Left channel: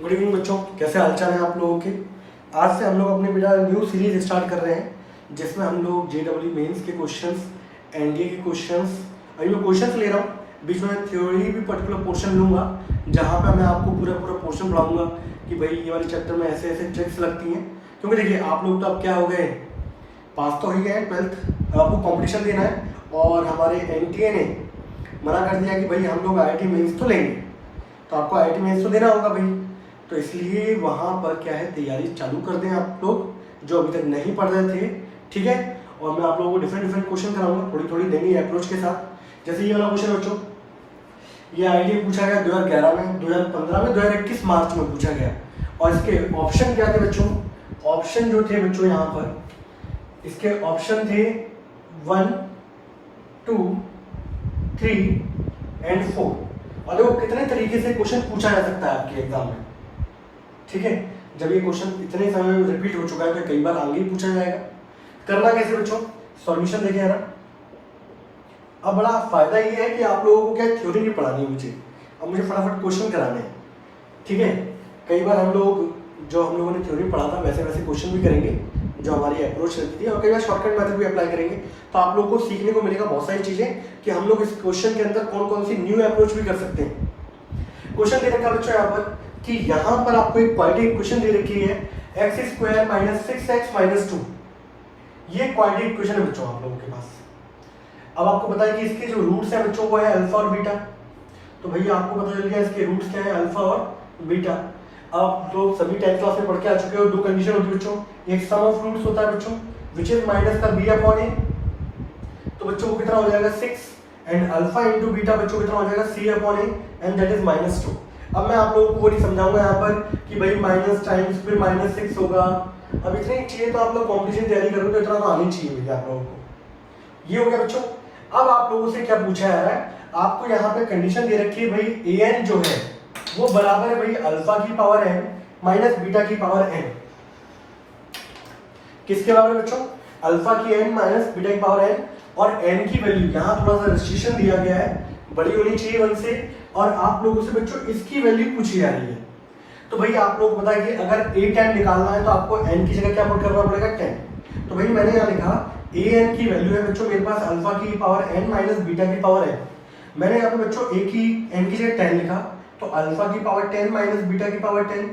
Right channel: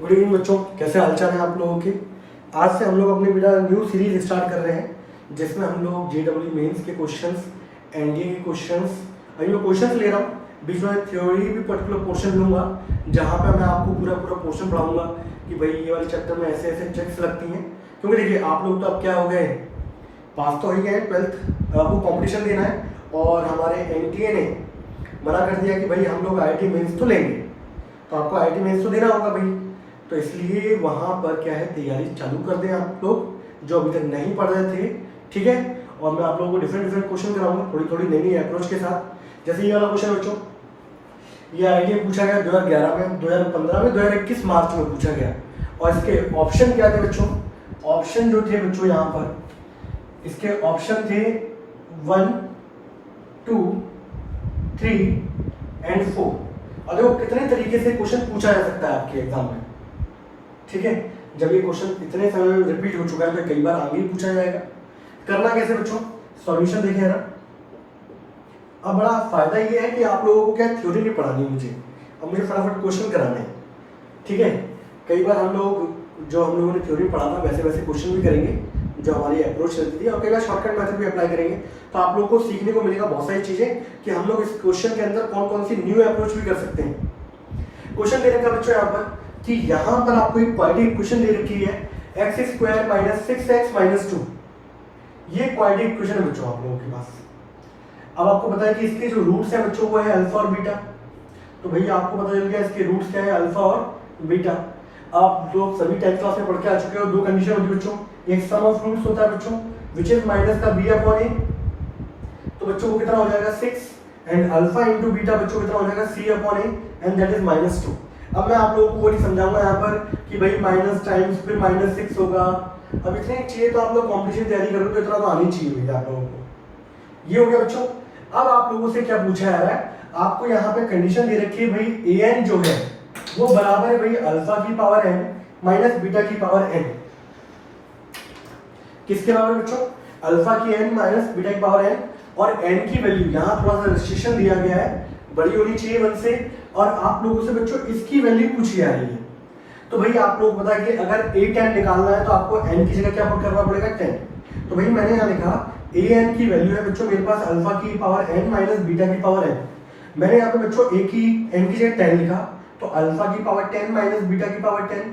Good evening बच्चों, कैसे हालचाल है आप लोगों के। आज से हम लोग अपने बेटा न्यू सीरीज स्टार्ट कर रहे हैं जिसमें हम लोग JEE मेंस के क्वेश्चंस, NDA के क्वेश्चंस, अभी मैं क्वेश्चंस ले रहा हूँ, बीच में थ्योरी भी पर्टिकुलर पोर्शन लूँगा जहाँ पे मैं आपको पूरा पूरा पोर्शन पढ़ाऊँगा कि भाई ये वाली चैप्टर में ऐसे ऐसे ट्रिक्स लगती हैं। क्योंकि देखिए आप लोग तो अब क्या हो गए, पास तो हो ही गए हैं 12th, आपको कॉम्पिटिशन देना है और हमारे NTA ने मना कर दिया कि भाई हम लोग IIT मेंस तो लेंगे, तो आपको IIT मेंस तो देना होगा भाई। तो इसलिए वहाँ पर क्या है, तैयारी चालू कर दें आप लोग जो अभी तक नहीं पढ़ रहे थे, ठीक है। और मैं आप लोगों को डिफरेंट डिफरेंट क्वेश्चन कराऊंगा थोड़ी थोड़ी नई नई अप्रोच के साथ। जैसे ये वाला क्वेश्चन बच्चों, ये आइडिया पूछा गया 2011 में, 2015 में, 2021 मार्च में पूछा गया। और इसके ऑप्शन क्या थे बच्चों, ऑप्शन जो थे बच्चों यहाँ पर इसके ऑप्शन थे 1, 2, 3 एंड 4। और देखो कितने तरीके से क्वेश्चन पूछा जा सकता है आपके एग्जाम में, ठीक है। जब ये क्वेश्चन इतने समय में रिपीट हो चुका है तो कई बार आगे ही पूछा जाएगा। करना कैसे बच्चों, सॉल्यूशन देखें जरा। अब बड़ा फायदा ये है कि आप लोगों को क्या थ्योरी नहीं पढ़ानी मुझे, अब मुझे फटाफट क्वेश्चन कराने हैं, ठीक है। कई बार हम लोगों ने थ्योरी पढ़ा था वैसे वैसे क्वेश्चन भी करेंगे जो हमारी अप्रोच रहती थी, और कई बार शॉर्टकट मेथड भी अप्लाई करेंगे। तो आप लोगों को सीखने को मिलेगा बहुत सारी चीजें कि हम लोग इस क्वेश्चन के अंदर कौन कौन सी न्यू अप्रोच भी कर सकते हैं। क्वेश्चन देने का बच्चों यहाँ पर कि यहाँ पर आपको एक क्वाड्रेटिक इक्वेशन दे रखी है x² - 6x - 2। ये क्वाड्रेटिक इक्वेशन है बच्चों आप लोगों के पास। अब आपको पता है कि इसके जो रूट्स हैं बच्चों वो है अल्फा और बीटा। तो भैया आपको पता चल गया इसके रूट्स क्या है, अल्फा और बीटा। आप लोग सभी 10th क्लास में पढ़ के आ चुके हो, दो कंडीशन होती है बच्चों, एक सम ऑफ रूट्स होता है बच्चों विच इज माइनस का b/a। तो बच्चों को कितना हो जाएगा 6, एंड अल्फा इंटू बीटा बच्चों कितना हो जाएगा c/a, एंड दैट इज -2। अब मैं आप लोगों को नहीं समझाऊंगा यहाँ पर कि भाई माइनस टाइम्स फिर -6 होगा। अब इतनी चाहिए तो आप लोग कॉम्पिटिशन तैयारी करो तो इतना तो आनी चाहिए भैया आप लोगों को। ये हो गया बच्चों। अब आप लोगों से क्या पूछा जा रहा है, आपको यहाँ पे कंडीशन दे रखी है भाई an जो है वो बराबर है भाई अल्फा की पावर n माइनस बीटा की पावर n। किसके बराबर बच्चों, अल्फा की n माइनस बीटा की पावर n। और n की वैल्यू यहाँ थोड़ा सा रेस्ट्रिक्शन दिया गया है, बड़ी होनी चाहिए 1 से। और आप लोगों से बच्चों इसकी वैल्यू पूछी जा रही है। तो भाई आप लोग पता है कि अगर a10 निकालना है तो आपको n की जगह क्या पुट करना पड़ेगा 10। तो भाई मैंने यहाँ लिखा an की वैल्यू है बच्चों मेरे पास अल्फा की पावर n माइनस बीटा की पावर n। मैंने यहाँ पे बच्चों n की जगह 10 लिखा, तो अल्फा की पावर 10 माइनस बीटा की पावर 10।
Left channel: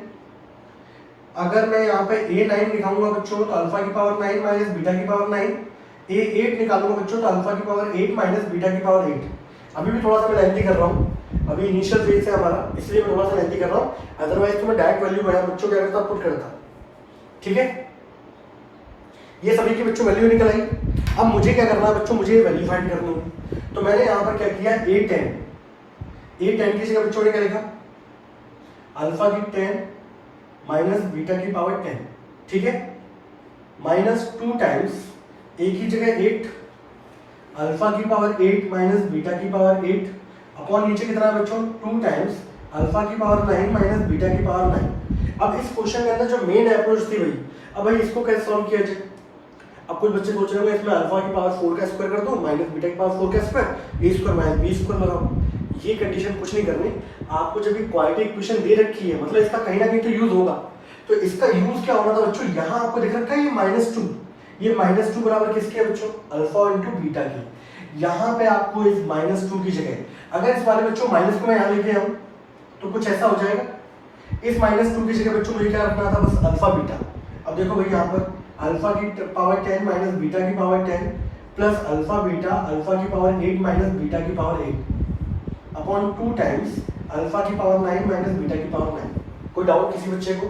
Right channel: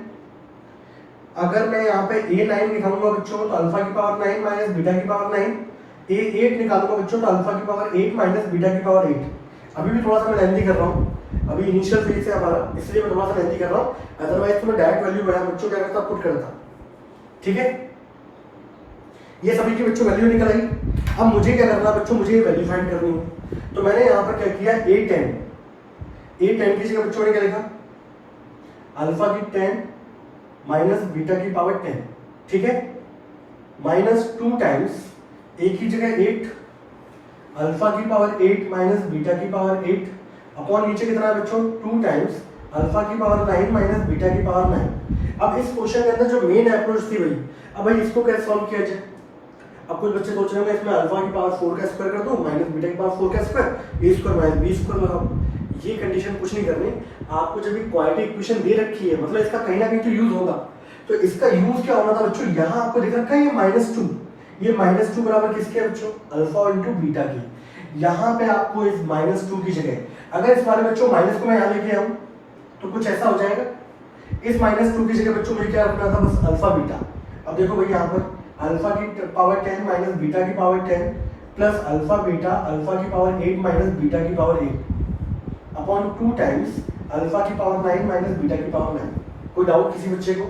अगर मैं यहाँ पे a9 लिखाऊंगा बच्चों तो अल्फा की पावर 9 माइनस बीटा की पावर 9। a8 निकालूंगा बच्चों तो अल्फा की पावर 8 माइनस बीटा की पावर 8। अभी भी थोड़ा सा मैं लेंथी कर रहा हूँ, अभी इनिशियल फेज है हमारा, इसलिए मैं थोड़ा सा लेंथी कर रहा हूँ। अदरवाइज तो मैं डायरेक्ट वैल्यू बढ़ा बच्चों क्या करता पुट करता, ठीक है। ये सभी की बच्चों वैल्यू निकल आई। अब मुझे क्या करना है बच्चों, मुझे वैल्यू फाइंड करनी है। तो मैंने यहाँ पर क्या किया, a10 की जगह बच्चों ने क्या लिखा, अल्फा की 10 माइनस बीटा की पावर 10, ठीक है, -2 टाइम्स a की जगह 8 अल्फा की पावर 8 माइनस बीटा की पावर 8 अपॉन नीचे कितना है बच्चों 2 टाइम्स अल्फा की पावर 9 माइनस बीटा की पावर 9। अब इस क्वेश्चन के अंदर जो मेन अप्रोच थी भाई, अब भाई इसको कैसे सॉल्व किया जाए। अब कुछ बच्चे सोच रहे होंगे इसमें अल्फा की पावर 4 का स्क्वायर कर दो माइनस बीटा की पावर 4 का स्क्वायर, a² माइनस b² लगाओ। ये कंडीशन कुछ नहीं करनी, आपको जब भी क्वाड्रेटिक इक्वेशन दे रखी है मतलब इसका कहीं ना कहीं तो यूज होगा। तो इसका यूज क्या होना था बच्चों, यहाँ आपको दिख रखा है ये -2, ये -2 बराबर किसके है बच्चों, अल्फा इंटू बीटा की। यहाँ पे आपको इस -2 की जगह अगर इस बारे बच्चों माइनस को मैं यहाँ लेके आऊँ तो कुछ ऐसा हो जाएगा। इस -2 की जगह बच्चों मुझे क्या रखना था, बस अल्फा बीटा। अब देखो भाई यहाँ पर अल्फा की पावर 10 माइनस बीटा की power 10 plus alpha beta alpha की पावर 8 माइनस बीटा की पावर 8 अपॉन 2 टाइम्स अल्फा की पावर 9 माइनस बीटा की पावर 9। कोई डाउट किसी बच्चे को,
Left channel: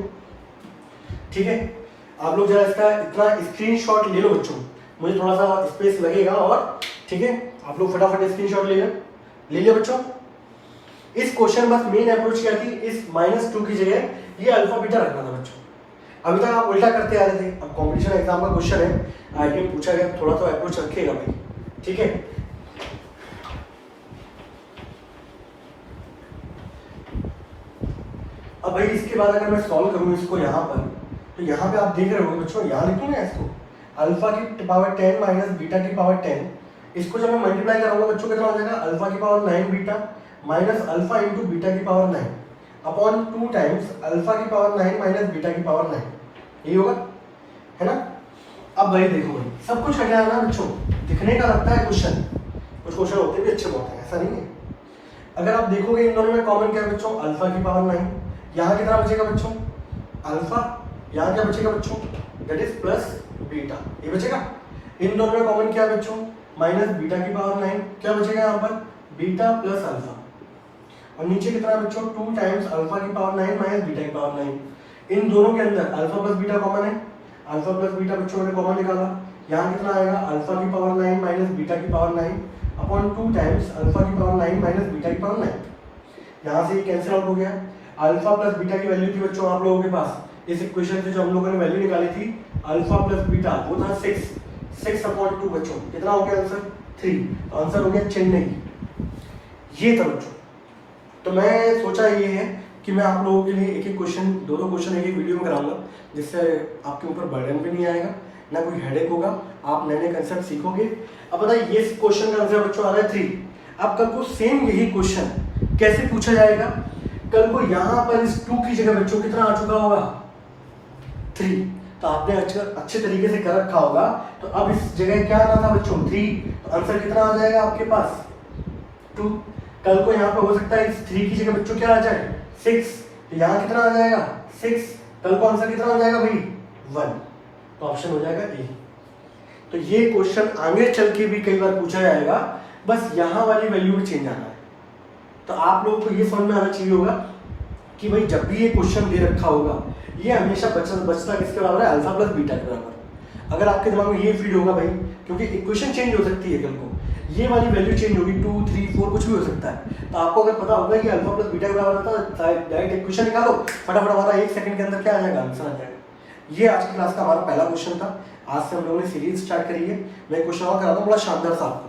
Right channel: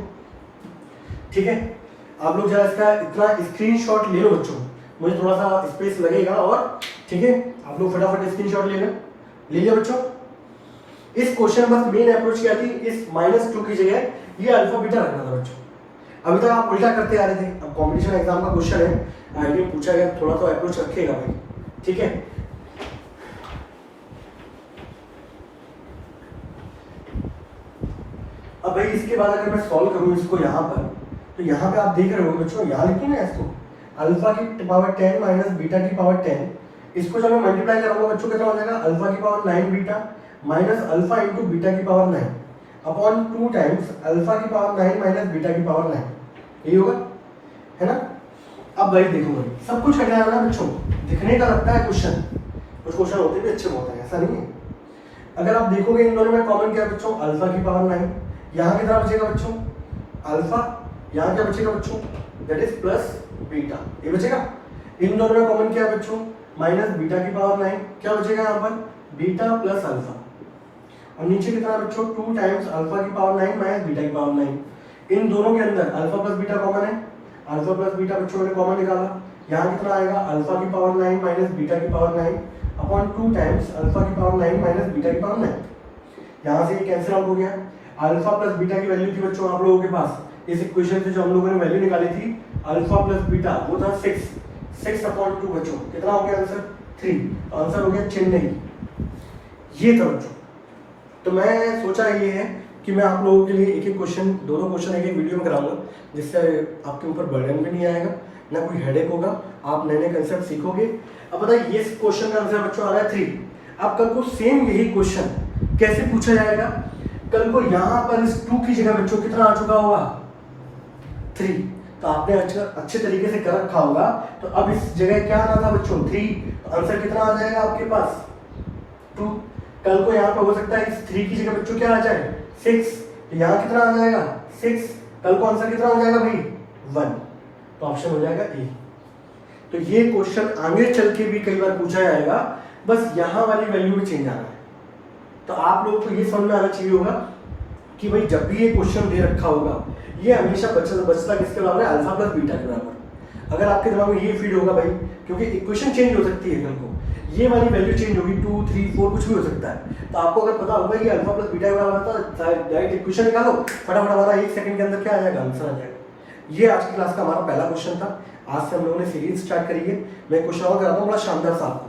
ठीक है। आप लोग जरा इसका इतना स्क्रीनशॉट ले लो बच्चों, मुझे थोड़ा सा स्पेस लगेगा और ठीक है, आप लोग फटाफट स्क्रीनशॉट ले लिया बच्चों। इस क्वेश्चन बस मेन अप्रोच क्या थी, इस -2 की जगह ये अल्फा बीटा रखना था बच्चों। अभी तक आप उल्टा करते आ रहे थे, अब कंपटीशन एग्जाम का क्वेश्चन है, ये पूछा गया थोड़ा तो अप्रोच रखिएगा भाई, ठीक है। अब भाई इसके बाद अगर मैं सॉल्व करूं इसको यहाँ पर, तो यहाँ पे आप देख रहे हो बच्चों, यहाँ लिखूंगा इसको अल्फा की पावर 10 माइनस बीटा की पावर 10, इसको जब मैं मल्टीप्लाई कराऊंगा बच्चों कितना हो जाएगा, अल्फा की power 9 beta minus alpha into beta की पावर 9 अपॉन 2 टाइम्स अल्फा की पावर 9 माइनस बीटा की पावर 9, यही होगा, है ना। अब भाई देखो भाई, सब कुछ हट जाना बच्चों, दिखने का लगता है क्वेश्चन, कुछ क्वेश्चन होते भी अच्छे बहुत हैं, ऐसा नहीं है। अगर आप देखोगे इन दोनों में कॉमन क्या है बच्चों, अल्फा की पावर 9, यहाँ कितना बचेगा बच्चों, अल्फा, यहाँ क्या बचेगा बच्चों, दैट इज प्लस बीटा, ये बचेगा। इन दोनों में कॉमन क्या है बच्चों, माइनस बीटा की पावर 9, क्या बचेगा यहाँ पर, बीटा प्लस अल्फा। और नीचे कितना है बच्चों, 2 टाइम्स अल्फा की पावर 9 माइनस बीटा की पावर 9। इन दोनों के अंदर अल्फा प्लस बीटा कॉमन है, अल्फा प्लस बीटा बच्चों ने कॉमन निकाला, यहाँ कितना आएगा, अल्फा की पावर 9 माइनस बीटा की पावर 9 अपॉन 2 टाइम्स अल्फा की पावर 9 माइनस बीटा की पावर 9। यहाँ से ये कैंसिल आउट हो गया। अल्फा प्लस बीटा की वैल्यू थी बच्चों आप लोगों के पास, इस इक्वेशन से जो हम लोगों ने वैल्यू निकाली थी अल्फा प्लस बीटा, वो था 6 अपॉन 2 बच्चों, कितना हो गया आंसर, 3, तो आंसर हो गया चेन्नई, ये था बच्चों। तो मैं सोचा ये है कि मैं आप लोगों के लिए एक एक क्वेश्चन, दोनों क्वेश्चन एक एक वीडियो में कराऊंगा, जिससे आपके ऊपर बर्डन भी नहीं आएगा, ना कोई हेडेक होगा, आप नए नए कंसेप्ट सीखोगे। अब बताइए ये क्वेश्चन का आंसर बच्चों आ रहा है 3। अब कल को सेम यही क्वेश्चन कैसे पूछा जाएगा, कल को यहाँ पर इस 2 की जगह बच्चों कितना आ चुका होगा, 3, तो आपने अच्छे तरीके से कर रखा होगा। तो अब इस जगह क्या आना था बच्चों, 3, तो आंसर कितना आ जाएगा आपके पास, 2। कल को यहाँ पे हो सकता है इस 3 की जगह बच्चों क्या आ जाए, 6, तो यहाँ कितना आ जाएगा, 6, कल को आंसर कितना हो जाएगा भाई, 1, तो ऑप्शन हो जाएगा ए। तो ये क्वेश्चन आगे चल के भी कई बार पूछा जाएगा, बस यहाँ वाली वैल्यू में चेंज आना है। तो आप लोगों को ये समझ में आना चाहिए होगा कि भाई जब भी ये क्वेश्चन दे रखा होगा, ये हमेशा बचता किसके बराबर है, अल्फा प्लस बीटा के बराबर। अगर आपके दिमाग में ये फीड होगा भाई, क्योंकि इक्वेशन चेंज हो सकती है, कल को ये वाली वैल्यू चेंज होगी, 2, 3, 4 कुछ भी हो सकता है, तो आपको अगर पता होगा कि अल्फा प्लस बीटा के बराबर है तो डायरेक्ट इक्वेशन निकालो, फटाफट हमारा 1 सेकंड के अंदर क्या आ जाएगा, आंसर आ जाएगा। ये आज की क्लास का हमारा पहला क्वेश्चन था। आज से हम लोगों ने सीरीज स्टार्ट करी है। मैं क्वेश्चन और कराता हूँ बड़ा शानदार सा आपको।